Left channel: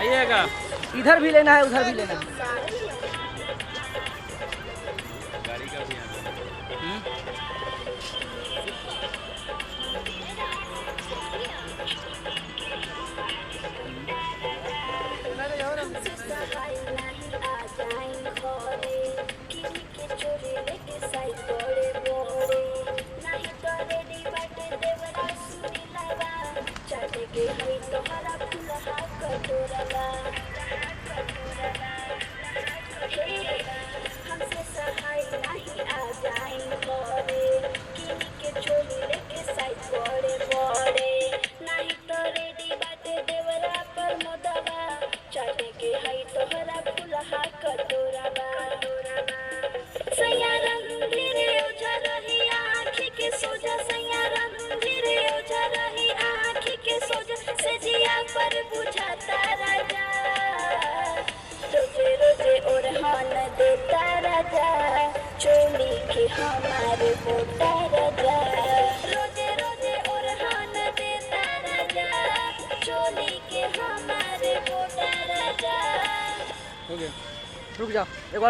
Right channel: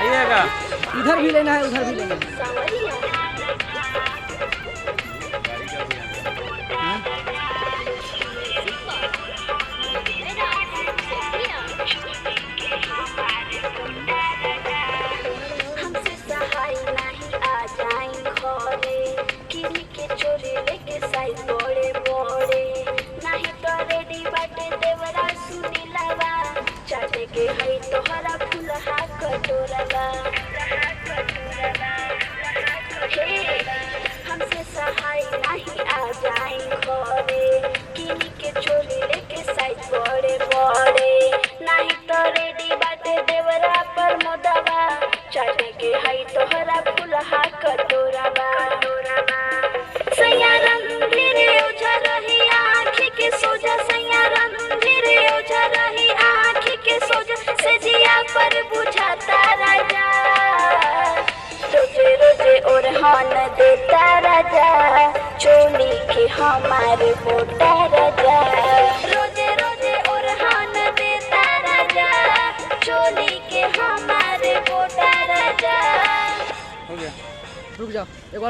आइएगा। इधर भी लेना है उधर भी लेना है। गाड़ी का भी हमसे सहाय नहीं आ जाए घरे किरी के चोरी लेके साई बड़े बड़े नहीं तो रेडी बाटे देवरा सुनी लवा चाटे के हई तोहरा फुलहा कटोरला हमसे सहाय नहीं आ जाए घरे किरी के चोरी लेके साई बड़े बड़े नहीं तो रेडी बाटे देवरा पर मोदवा चाटे के हई तोहरा फुलहा कटोरवा सैया रंधीरे ओझा रही आँखी के सोजा सैया रंधीरे ओझा रही आँखी के सोजा से जिया पर बुझाता राजा रोजे रोजे ओरहान देता राजा चोली के हमारे बोटा राजा रोजे रोजे ओरहान देता राजा चोली के हमारे बोटा राजा। हो गया, रुक जाओ एक बार